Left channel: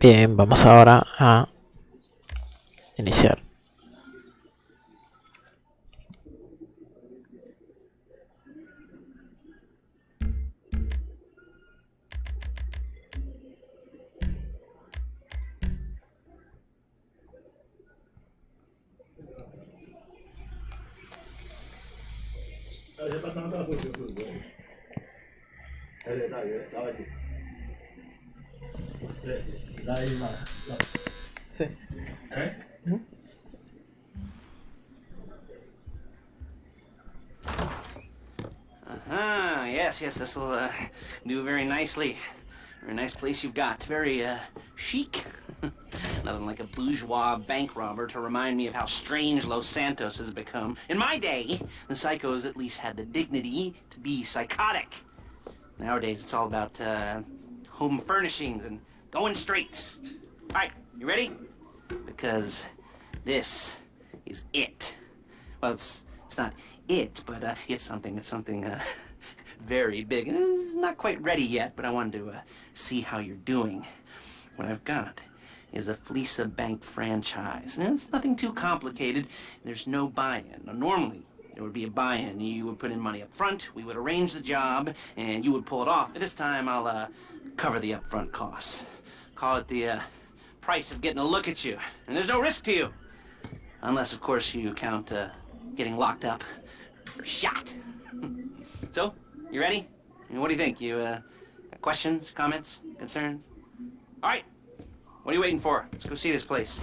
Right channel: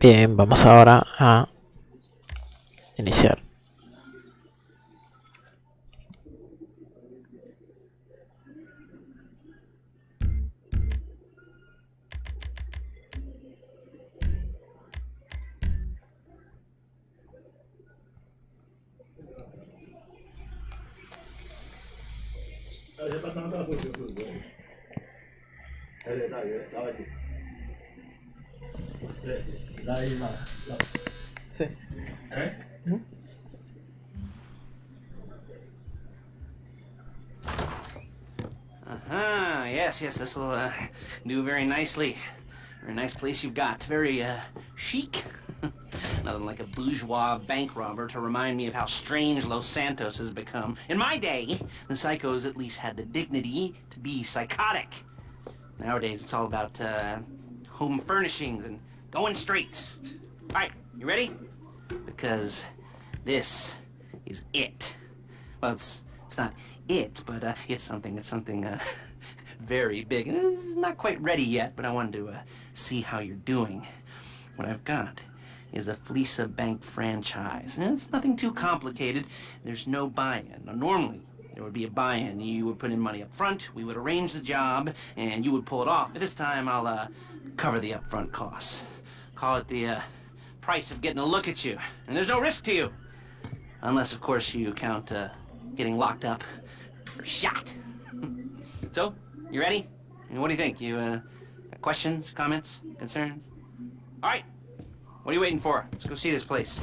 Bien, vamos ahora a iniciar. Sí. Yes, this will do very nicely. Very nice place you've got. Very chic. Nothing like a bourgeois bank robber to remind me of how strange Los Santos has become. In my day, the psychos at least had the dignity to be psychotic. Nowadays, it's all about home furnishings and going straight. All right, you ready? Because this is it. Well, it's not it, but it's something very big. It's not quite ready yet, but I wanted to see how you're doing. What I've got is a Fleeca Bank franchise. And it's nothing too complicated. There's no buy-in. Now, normally, there would be a buy-in. You would put in money up front, we would arrange the job, and you would pull it off. But this time, I'll cover the upfront costs. Call it the price of getting a look at you. And there's no risk to you. Unless, of course, you count getting locked up or shot. So, you ready? I mean, what do you think? You got questions, comments, concerns? All right. What are you waiting for? Let's go see this place.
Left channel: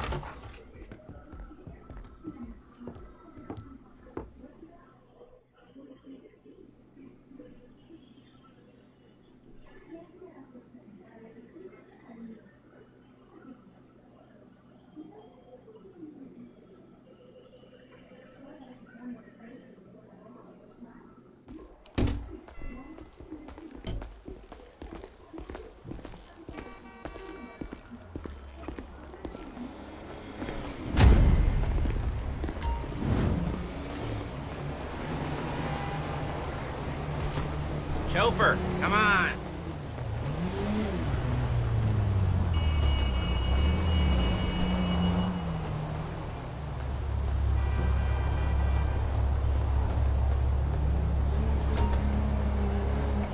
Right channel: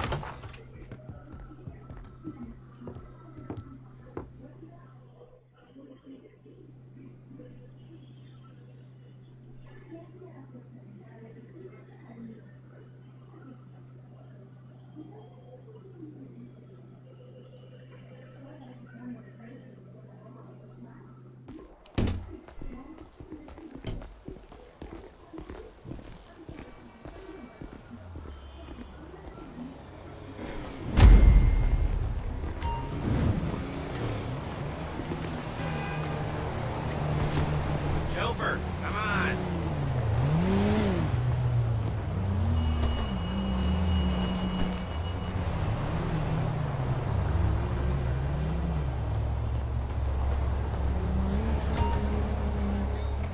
Chauffeur, come on.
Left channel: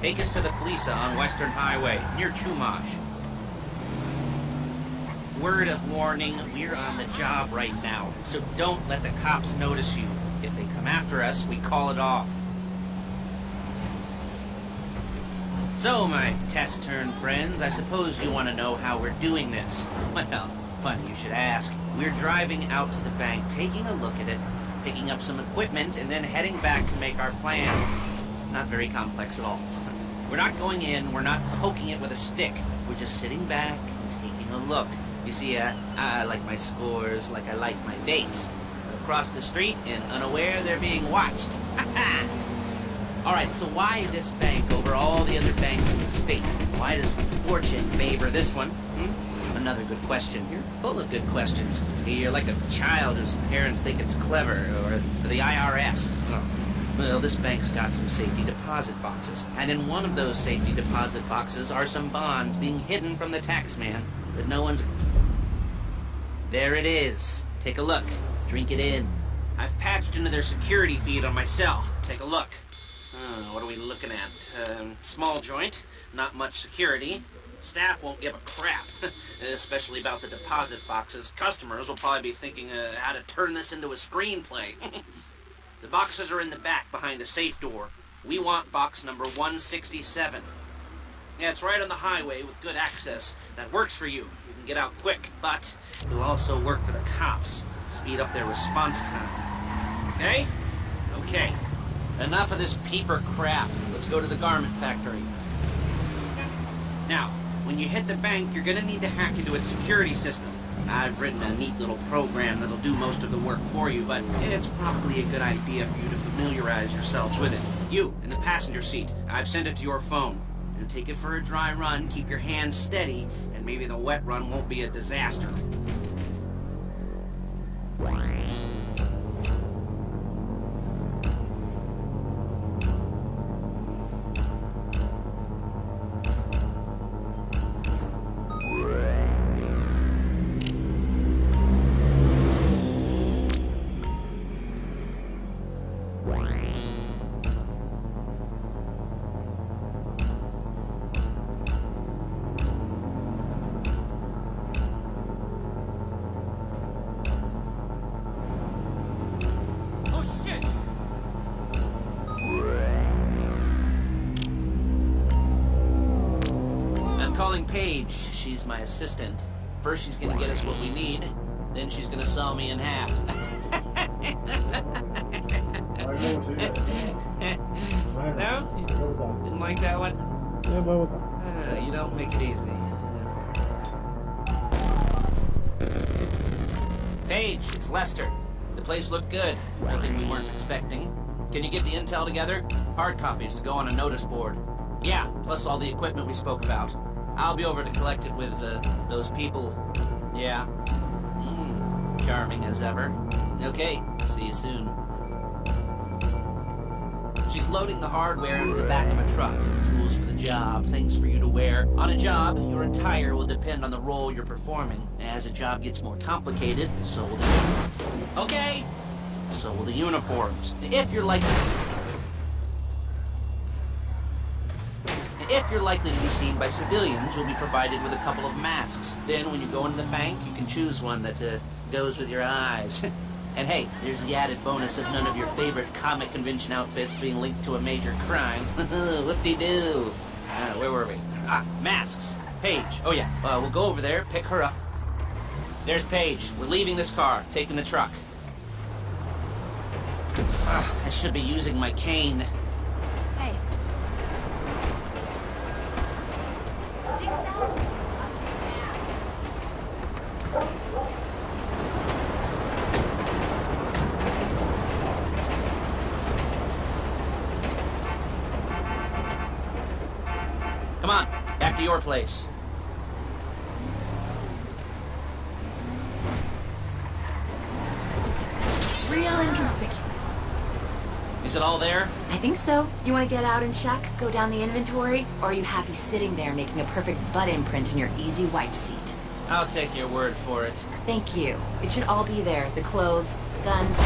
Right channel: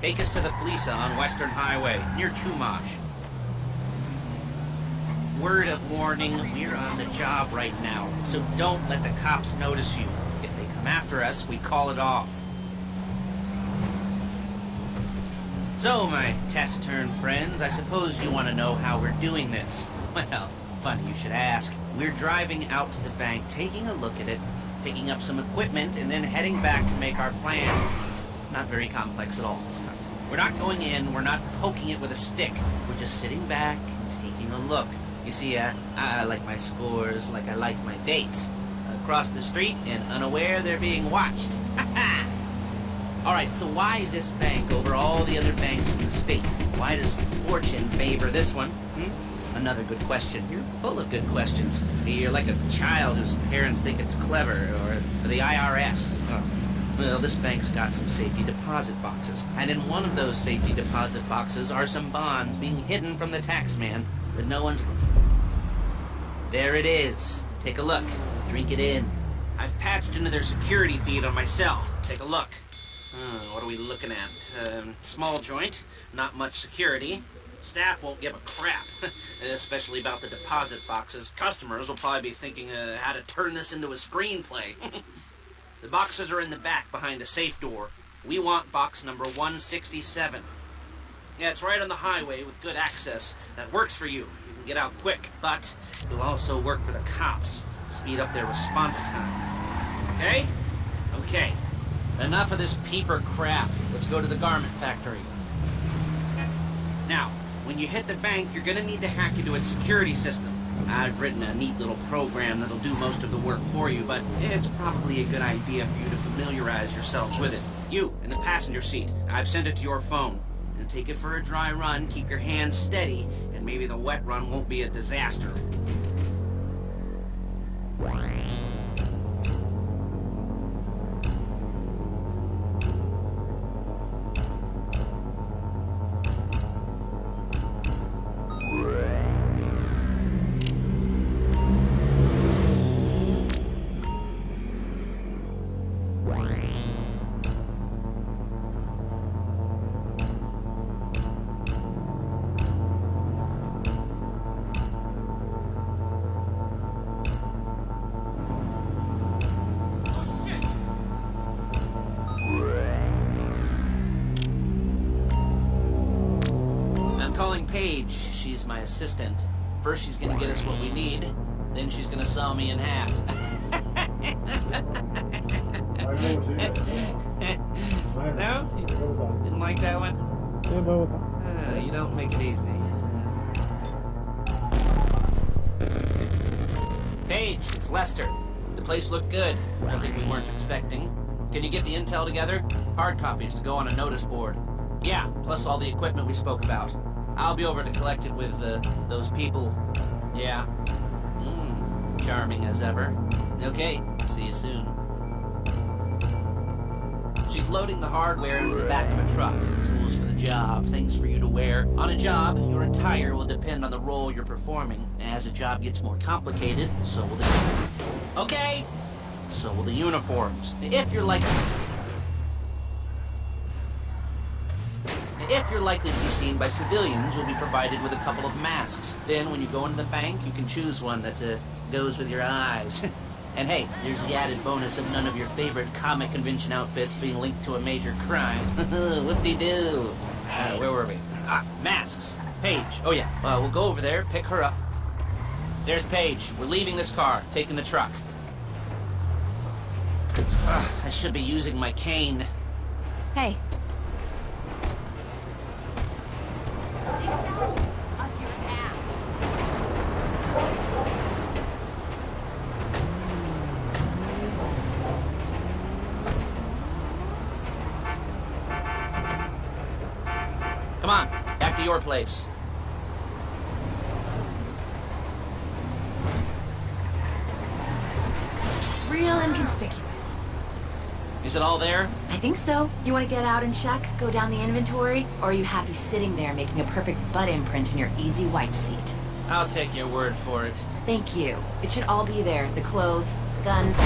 Take us to the Fleeca on Western Highway, near Chumash. Word of warning, we're on the job right now, so don't let the cops notice you. If they come after us, we call it off. So, my taciturn friends, I suppose you want to know how we're doing this. Well, funny you should ask. We're driving out to the bank, taking a look at it, picking up some equipment, and then heading back to make our plans. Not very complex at all. We're not going in, we're not poking it with a stick. We're just sitting back and taking a look. You see, I like my scores like I like my dates. Across the street and unaware they're being watched. Alright, so why this bank over all the other banks in the state? Why does fortune favor this one? Another good question. You're full of good questions. You're like a child whose parents think it's clever, or the IRS. Oh. Well, this bank's got some safety deposit boxes, and in one of those safety deposit boxes are some bonds being hidden from the taxman, but no one's... There it is. Take a look. Drink it in. I've patched into their security feed on my cell. Take a look. What are we looking at? Small joint, not much security. Staff won't give a crap, especially about the deposit boxes. Customers will probably be thinking how to turn this into a screenplay. The boxes are in the back behind a safe door. We want box number 167. Yeah, it's right on the highway with good access. That works for you. You can get out quick, but it'll also work for the cops. Speed up their response time. Okay? Okay. Enough of this peeper crap. Let's go to the garment factory. Now, when you hit the bank, you're gonna need to hack into its security system. I've written a neat little program that'll do most of the work for you, but it's probably a good idea for you to familiarize yourselves with it. You, in the passenger seat, I've sent it to your phone. And take it for a dry run, keep your hands steady, and maybe the wet run won't be a disaster. calling Paige. She's my assistant. First she's gonna get us what we need, then she's gonna saw me in half. No? Didn't like that one? You don't make it easy. Paige, it's Lester. The place looked good. Nothing we weren't expecting. Can you get the intel together? Hard copies to go on a notice board. Yeah, plus all the equipment we spoke about. I'll be over to collect it with, those people. Yeah. Charming as ever. Okay, see you soon. She's loading the hardware into the back of a truck. Tools for the job, things for you to wear. On a job, your attire will depend on the role you're performing. As a job gets more complicated, so will the... Okay! So will the uniforms. If you're likely to be seen by civilians, you'll be provided with a couple of masks. Then, when you go into the bank, you can choose one that goes with your eyes. And hey, there's the added bonus of none of your favorite comic convention outfits being linked to a major crime. Whoop-de-doo. Where were we? Masks. Paige. Oh yeah, we'll go over there, pick her up. There's Paige. We're leaving this car, taking the truck. I should be using my cane. Hey. Stick that up your ass. Come on, back to your place. Real inconspicuous. Is it all there? I think so. You want to get out and check? Go down the inventory? Or are you happy sitting there making a perfect butt imprint in your easy wipe seat? I'll take your word for it. Thank you. It should all be there. The clothes, guns,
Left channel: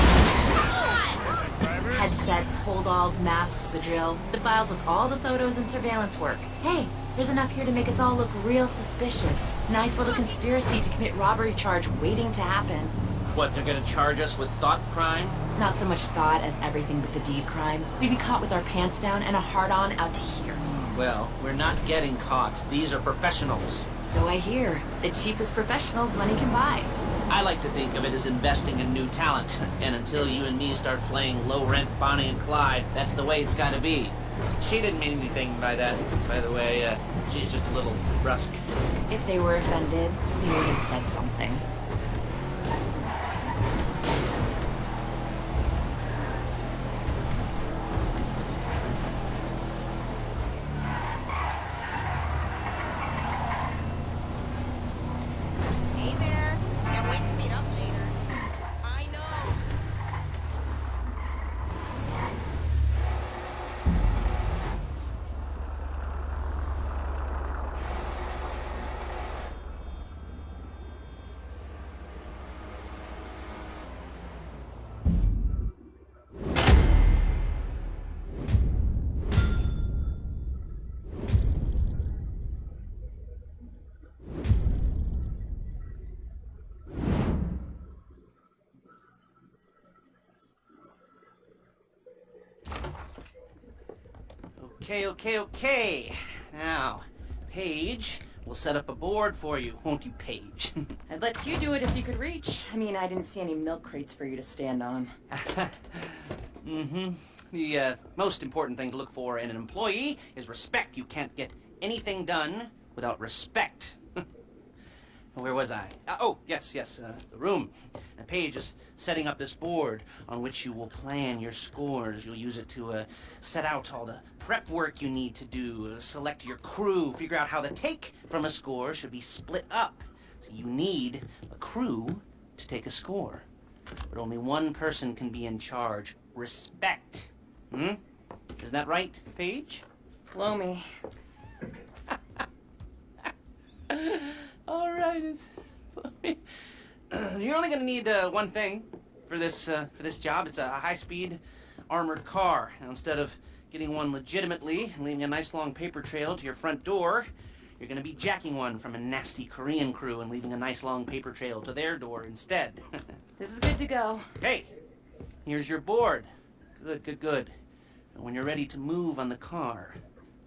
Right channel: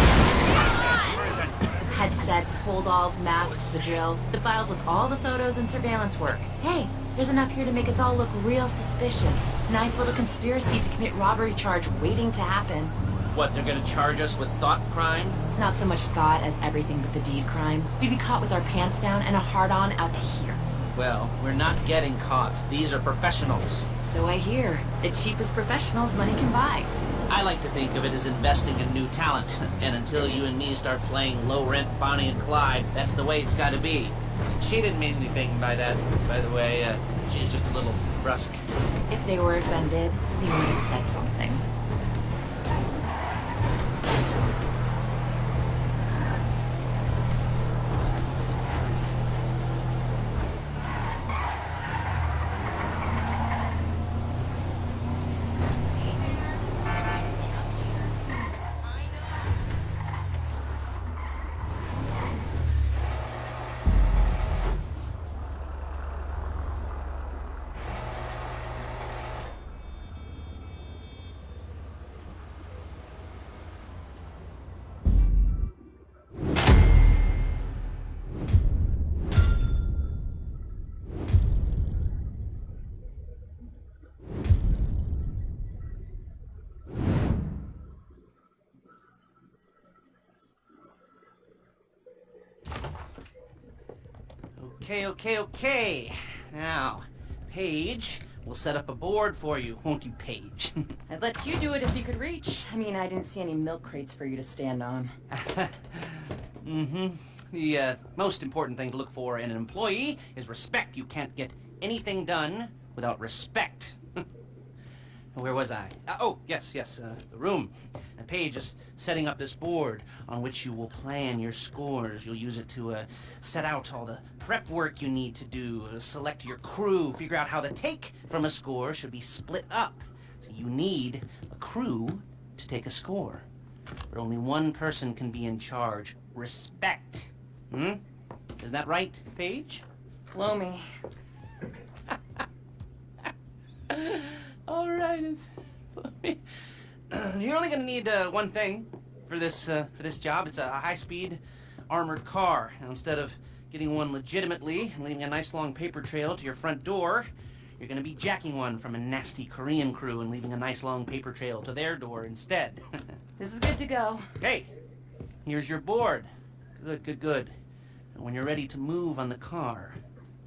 headsets, hold-alls, masks, the drill. The files with all the photos and surveillance work. Hey, there's enough here to make us all look real suspicious. Nice little conspiracy to commit robbery charge waiting to happen. What, they're gonna charge us with thought crime? Not so much thought as everything but the deed crime. We'd be caught with our pants down and a hard-on out to here. Well, we're not getting caught. These are professionals. So I hear. The cheapest professionals money can buy. I like to think of it as investing in new talent. And until you and me start playing low-rent Bonnie and Clyde, that's the way it's gotta be. She didn't mean anything by that, by the way. She's just a little brusque. If they were offended, they would have said something. Okay. Now, Paige, we'll set up a board for you, won't you, Paige? I'd let you do it if you could reach. I mean, I didn't see any milk crates for you to stand on. The most important thing to look for in an employee is respect. You can't get anything done without respect. Where was I? Oh, yes, the room. Now, Paige is setting up this board on which you will plan your scores. You'll use it to set out all the prep work you need to do, select your crew, figure out how the take from a score should be split up. So you need a crew to take a score. But only one person can be in charge. Respect. Isn't that right, Paige? Blow me. All right. You're only gonna need one thing for this job. It's a high-speed armored car. Now, instead of getting one legitimately and leaving a nice long paper trail to your front door, you're gonna be jacking one from a nasty Korean crew and leaving a nice long paper trail to their door instead. This is good to go. Okay, here's your board. Good. And when you're ready to move on the car,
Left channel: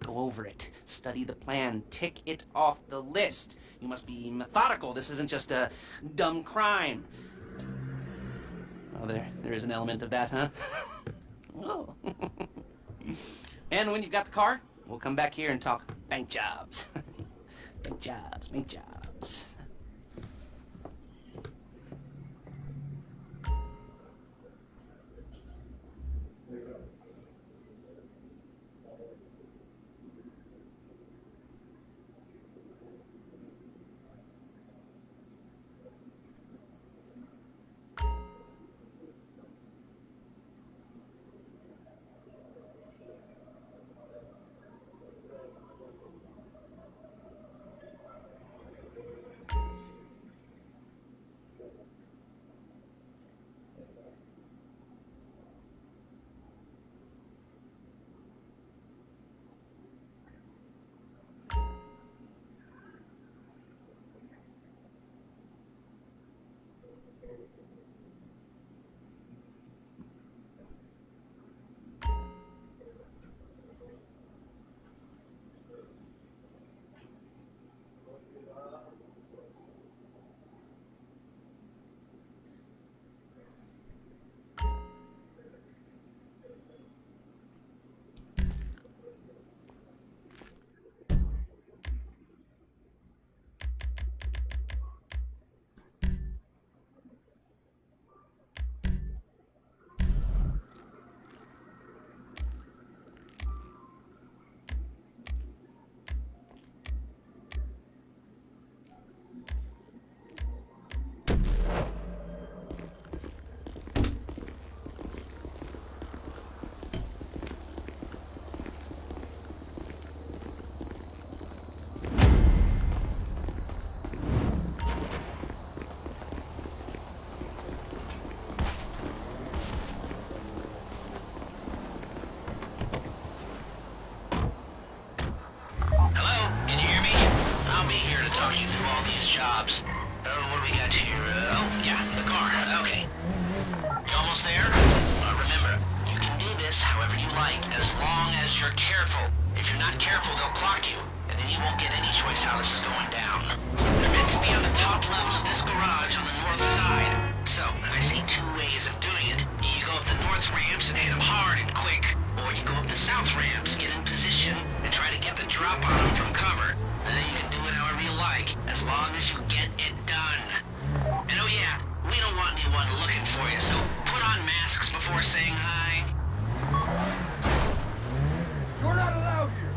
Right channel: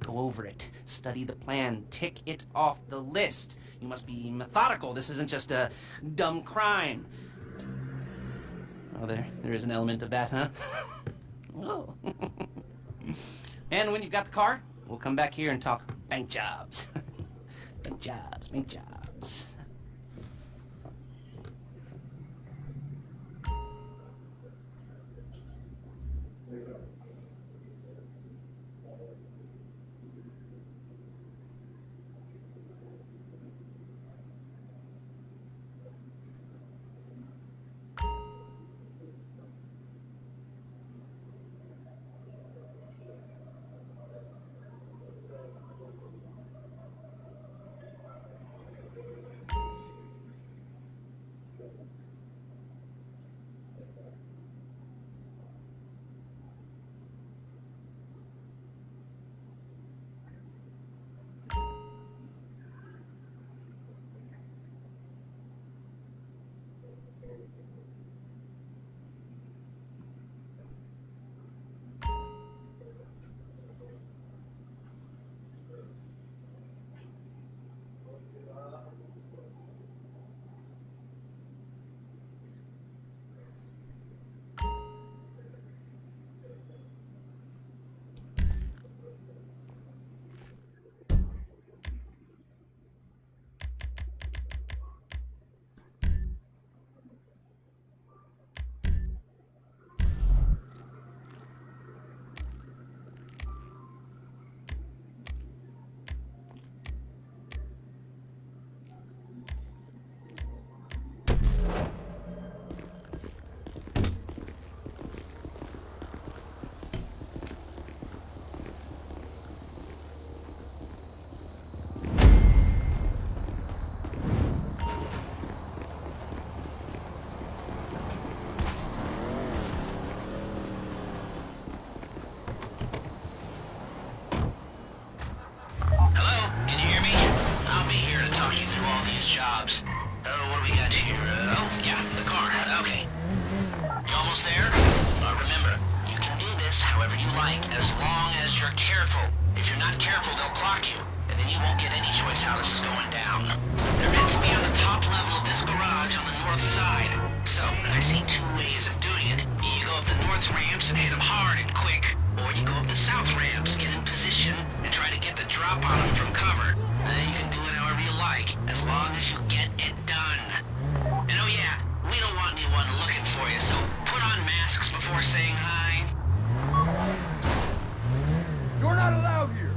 Go over it, study the plan, tick it off the list. You must be methodical. This isn't just a dumb crime. Oh, there is an element of that, huh? Oh. And when you've got the car, we'll come back here and talk bank jobs. Bank jobs, bank jobs. Jobs. What do we got here? Oh, yeah, the car. Okay. You almost there? Remember, you can do this however you like, as long as you're careful. If you're not careful, they'll clock you, and then you won't get any choice how this is going down. They're meant to be on the top level of this garage on the north side. So, I see two ways of doing it. You go up the north ramps and hit them hard and quick, or you go up the south ramps, get in position, and try to get the drop on them from cover. You can do it however you like, as long as you get it done. And oh yeah, we don't want anyone looking for you, so put on masks before saying hi. You're not allowed here!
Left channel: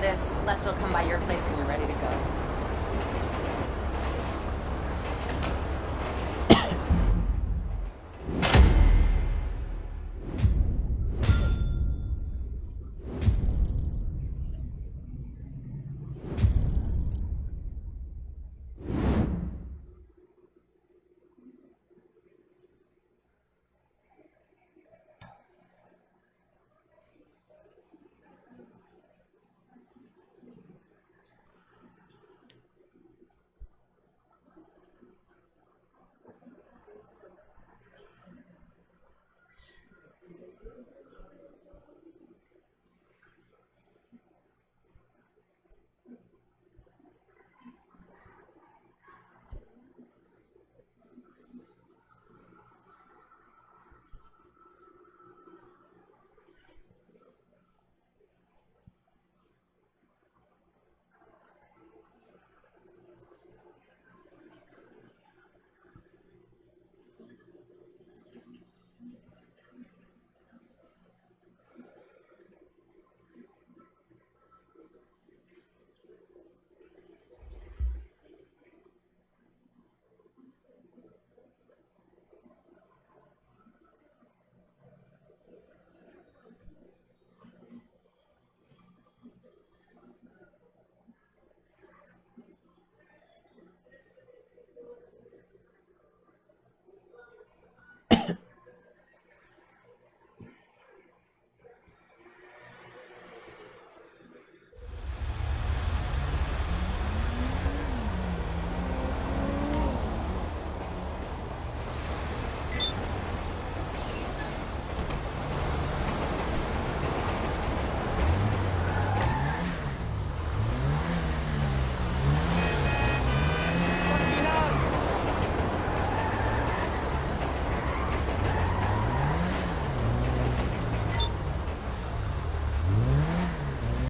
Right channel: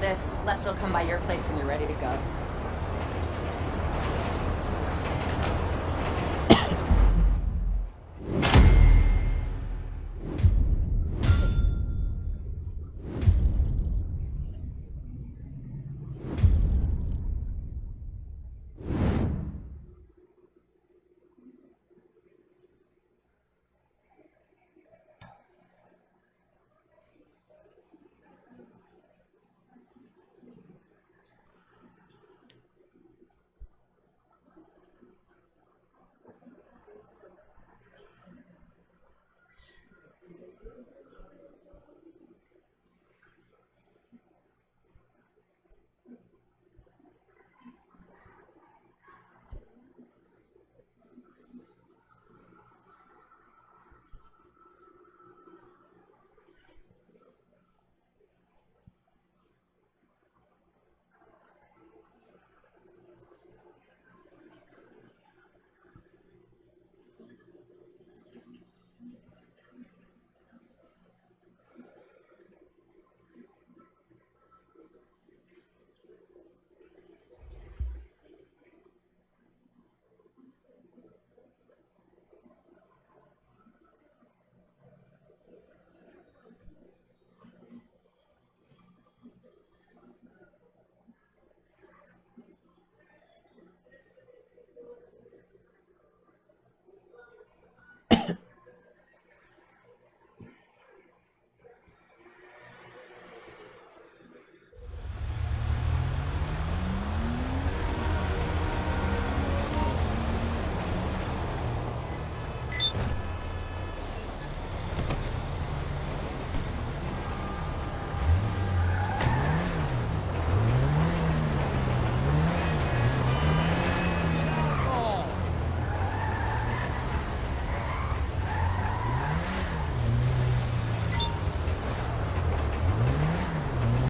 this, Lester will come by your place when you're ready to go.